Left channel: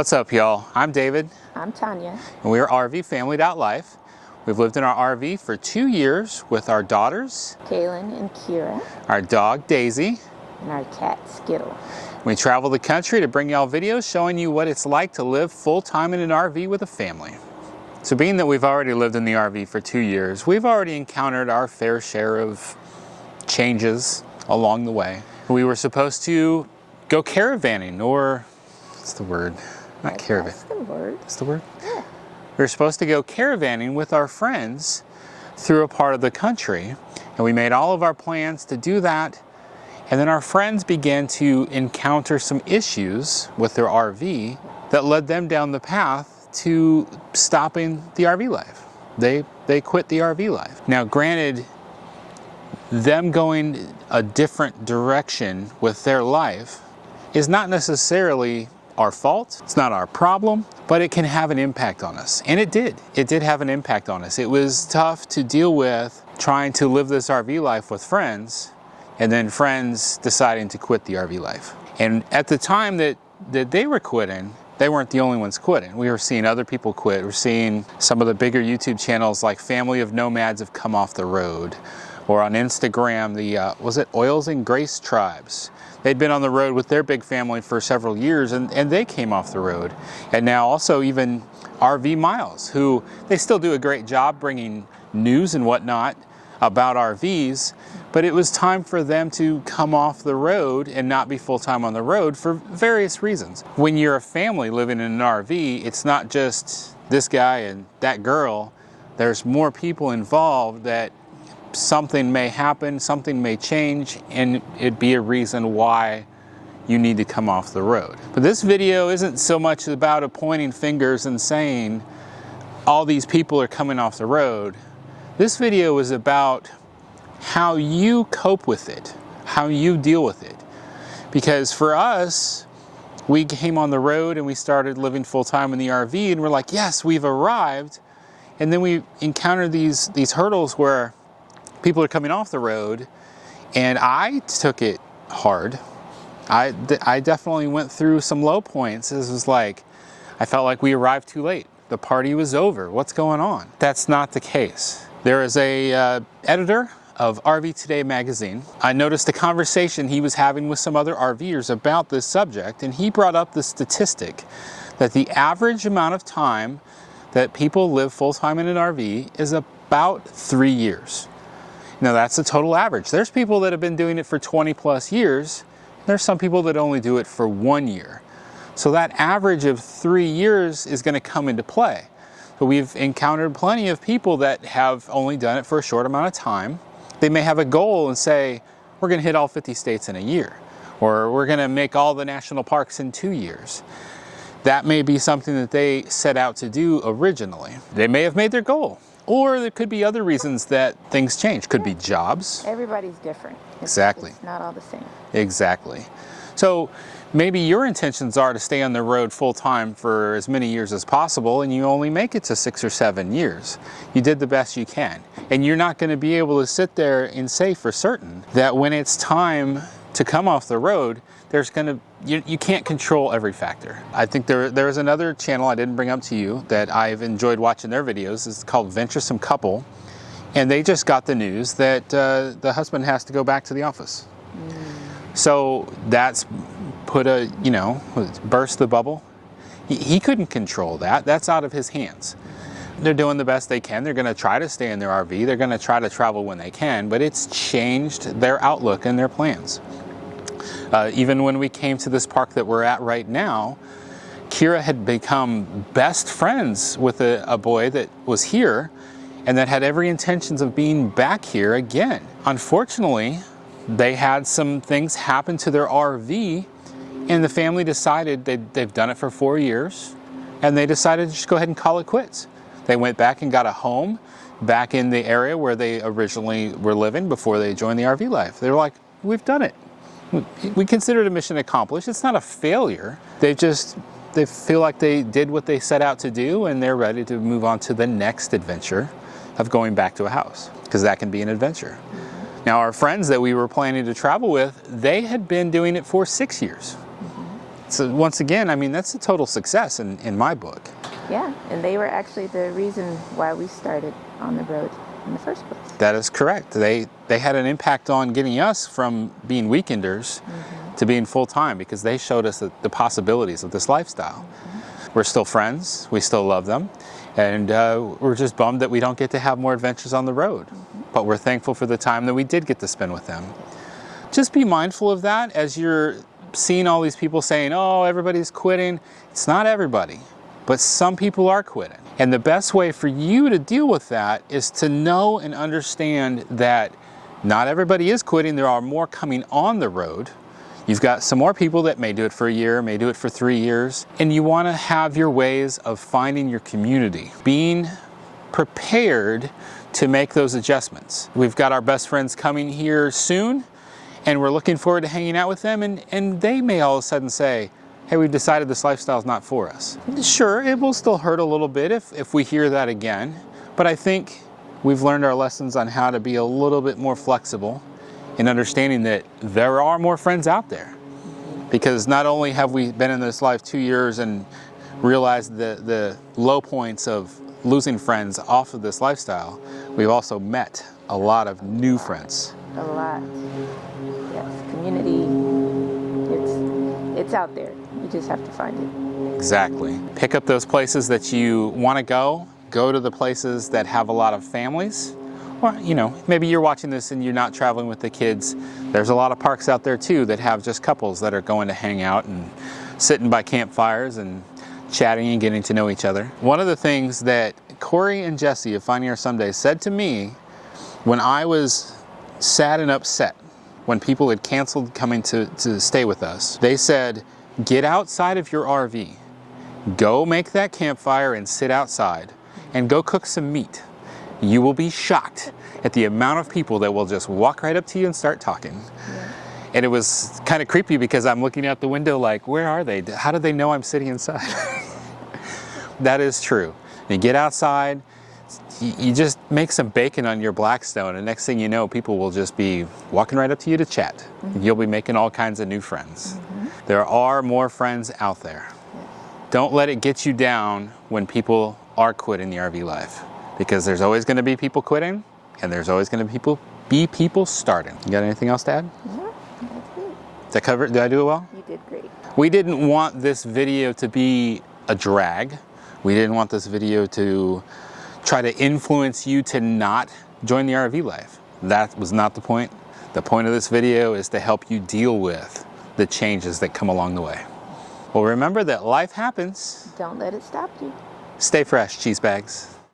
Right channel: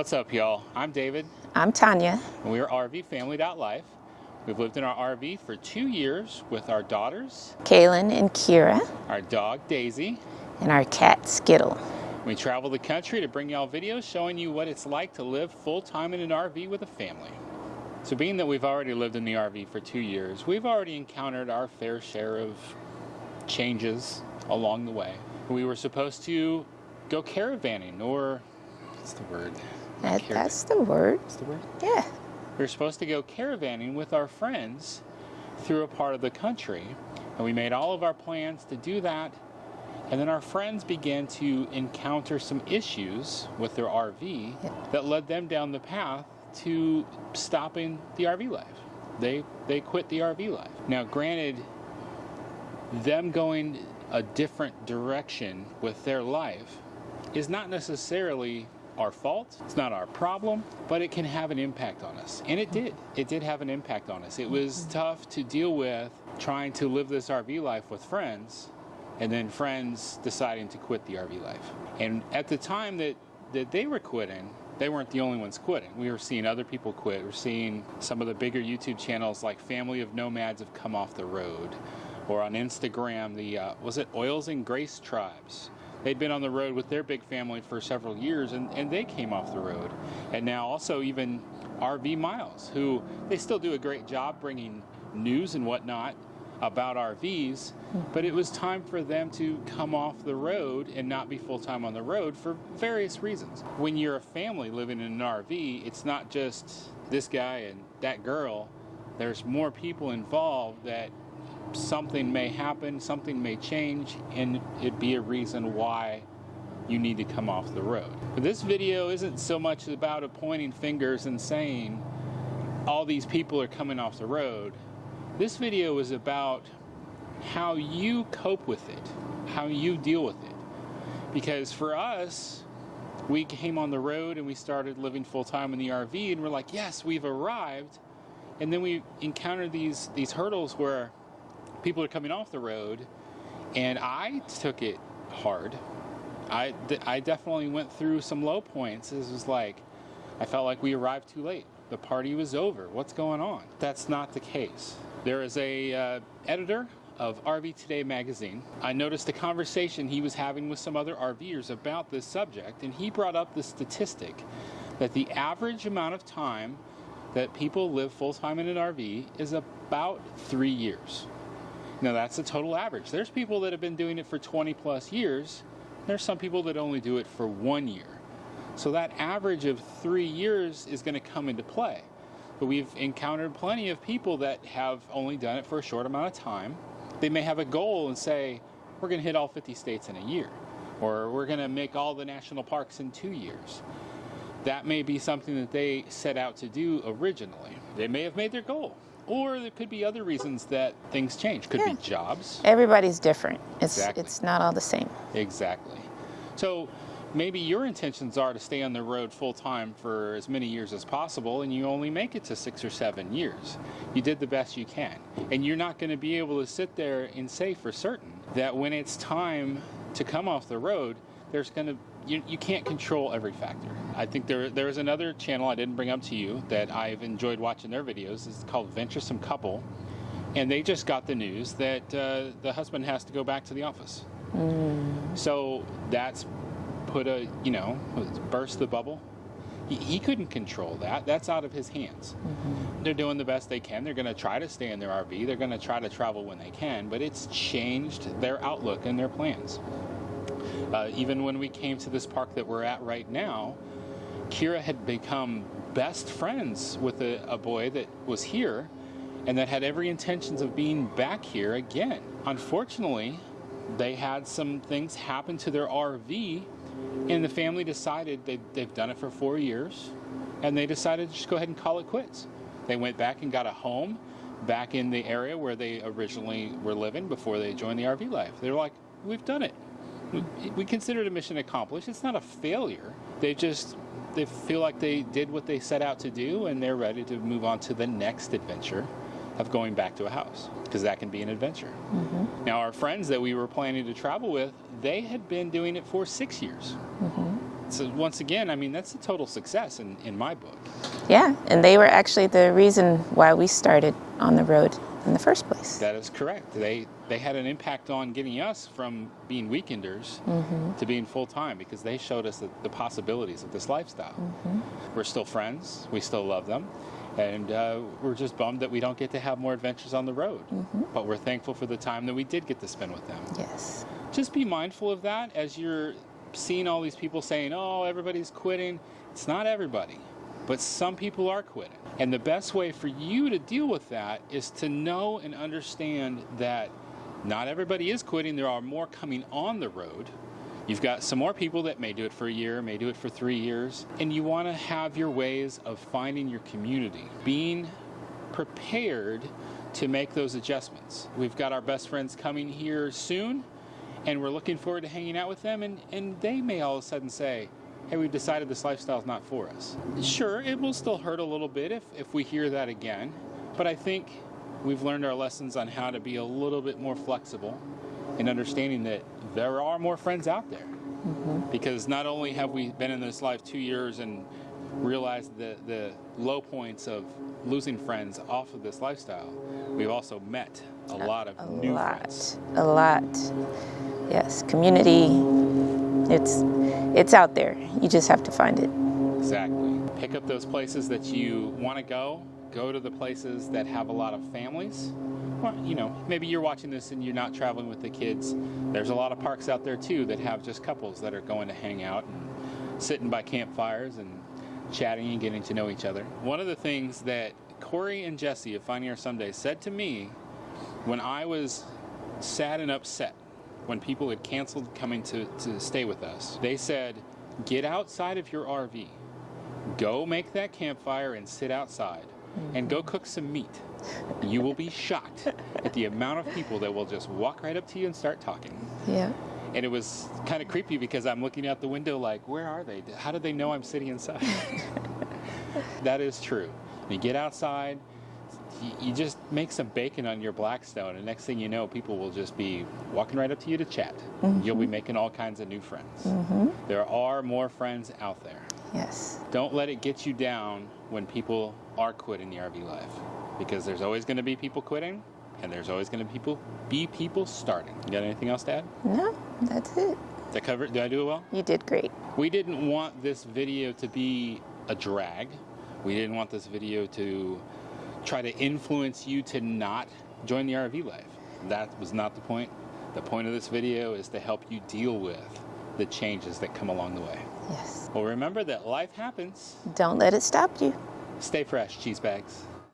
What's up, y'all? I'm David. I'm Tanya. And we're RV Family.Life. We've lived in our RV for 2 years with our daughters, Kaylin and Kira, our dog, Daisy, and our cat, Skittle. We travel the country to bring y'all videos showing you what it's like to live full-time in an RV with a family. So being that we've already lived in the RV for 2 years, we've already encountered our fair share of changes along the way. We were supposed to go caravanning, or what's the word? Not caravan. That's the word. What's the word? Yeah. We were supposed to go caravanning with our friends through a part of the country, and we made all of our plans to do that. And then our friends began to encounter some issues with their RV that led them down the path to stopping the RV life. They quit the RV life. Now, granted, them going a different direction with their life is not necessarily our fault. It's not our problem, but it can have an impact on us. And it did. It did have an impact on us. It was tough to deal with trying to live this RV life with friends, and then friends deciding to quit the RV life. And at the time that they were quitting, they weren't the only ones quitting. We were seeing other people quit. We're seeing some of the bigger YouTube channels like Family of Nomads have come off the road. Or on Instagram, was it Oils and Grace Tribes? They'd been on the road with their big family for several years, and they came off the road. And now also even RV Miles, who they still do a great job bringing news and whatnot about RVs, but it was time for them to come off the road and not be full-time on the road for various reasons. When you're a family living in an RV, it's not just this guy and that girl. There's more people involved that something may happen, something may change, and it'd be a reason why you need to come off the road. But this video isn't so much about pointing fingers and saying all these people are coming off the road. This video is about how you cope with it, how you deal with it. Because for us, we came on the road and we started living full-time in the RV, and we're like, yes, we've arrived. And then we encountered these hurdles where people are coming off the road, and I took it hard. I definitely went through some low points. This was like, I felt like we arrived too late. The party was over. What's going on? That's not the case. There is a editor of RV Today magazine. I noticed a conversation he was having with some other RVers about this subject, and he brought up the statistic that the average amount of time that people live full-time in an RV is about 3 years. Now, that's the total average. There's people that have been doing it for 20 plus years. There's some people that only do it for 1 year. So that average of 3 years is going to come into play. But we've encountered plenty of people that have only done it for a short amount of time. They may have a goal and say, we're going to hit all 50 states in a year, or we're going to make all the national parks in 2 years. That may be something that they set out to do originally. They may have made their goal. Or there could be other reasons that things change. Could be jobs. Everybody's different. Exactly. It's not all the same. Exactly. So maybe your intentions are to stay on the road full-time for as many years as possible, and you only make it to 6 or 7 years. You did the best you can. And you're not going to be able to sit there and say for certain that when it's time to come off the road, you can't control every factor. I think there is another channel I didn't bring up to you that I've enjoyed watching their videos. It's called Venturesome Couple, and they just got the news that the husband has to go back to the office. So that's burst the bubble. He couldn't control that. That's out of his hands. They're doing the best they can. They're going to try to stay in their RV. They're going to try to travel when they can, but it's changed their outlook and their plans. Even when we came to this park that we're at right now, Kira had become best friends with a boy that was here and that had every intentions of being back here again. Unfortunately, they had some things happen to their RV, and the family decided they've done it for 4 years, and they decided to just go ahead and call it quits. They went back and got a home back in the area where they originally were living before they joined the RV life. They were like, we've done it. We consider it a mission accomplished. It's not a failure. They feel like they did what they set out to do, and they're ready to move on to the next adventure of going back to a house, because that can be an adventure. Now, our friends that we were planning to travel with, they had been doing it for 6 years. So once again, I mean, that's a total success in my book. Yeah, and they were actually the reason why we started on the road in the first place. That is correct. They had an impact on getting us from being weekenders to being full-time, because they showed us the possibilities of this lifestyle. We're still friends. We still love them. And we're just bummed that we don't get to have more adventures on the road. But we're thankful for the time that we did get to spend with them. Yes. Just be mindful of that as you're seeing all these people saying, oh, everybody's quitting. It's not everybody, but some people are quitting. And the best way for you to deal with that is to know and understand that not everybody is quitting. There are more coming on the road. You've got some more people that may do it for a year, may do it for 3 years, and you want to have your ways of finding your community, being prepared to make those adjustments. We've got our best friends coming here soon, and we're looking forward to hanging out with them, and they may all of a sudden say, hey, we've decided this lifestyle is not for us. Sure, it will still hurt a little bit if we hear that again, but I think we've learned our lessons on how to be a little bit more flexible in understanding that there are more friends out there. Because not only have we been in this life 2 years and realized the low points of losing friends off of this lifestyle, we've also met a lot of new friends. A lot. Yes, community, it's out there. You just have to find it. Exactly. Pick up those places that you want to go. Go to the places that have a lot of families. Or, you know, maybe you're watching this and you're not traveling with the kids. There's a lot of parks out there too that have just couples that are going to hang out and sitting by campfires and chatting and getting to know each other. One of the things that Corey and Jesse of Finding Our Someday said to me when I was sad and upset when people had canceled coming to stay with us, they said, get outside of your RV, go make that campfire and sit outside, and go cook some meat. You will be shocked at the amount of people that will just walk right up to you and start talking. Yeah. And it was kind of creepy because I'm looking out the window like, where are they? How do they know I'm sitting inside? That is true. You get outside, you just make some bacon on your Blackstone, and next thing you know, people will just be walking right up to you to chat. You'll be making all kinds of new friends. There are more friends out there. Yes. Don't let it get you down when people are quitting the RV life, because there's always going to be people quitting, and there's always going to be people starting. You got anything else to add? No, that's it. Did I cover it? Did I do it well? You did great. We didn't want this video to be a drag. We didn't want this video to try to influence you to not join the RV life. That was not the point. The point of this video is to help you deal with the changes that come along the way. Yes. Well, remember that life happens. Don't let it stop you. Stay fresh, cheese bags.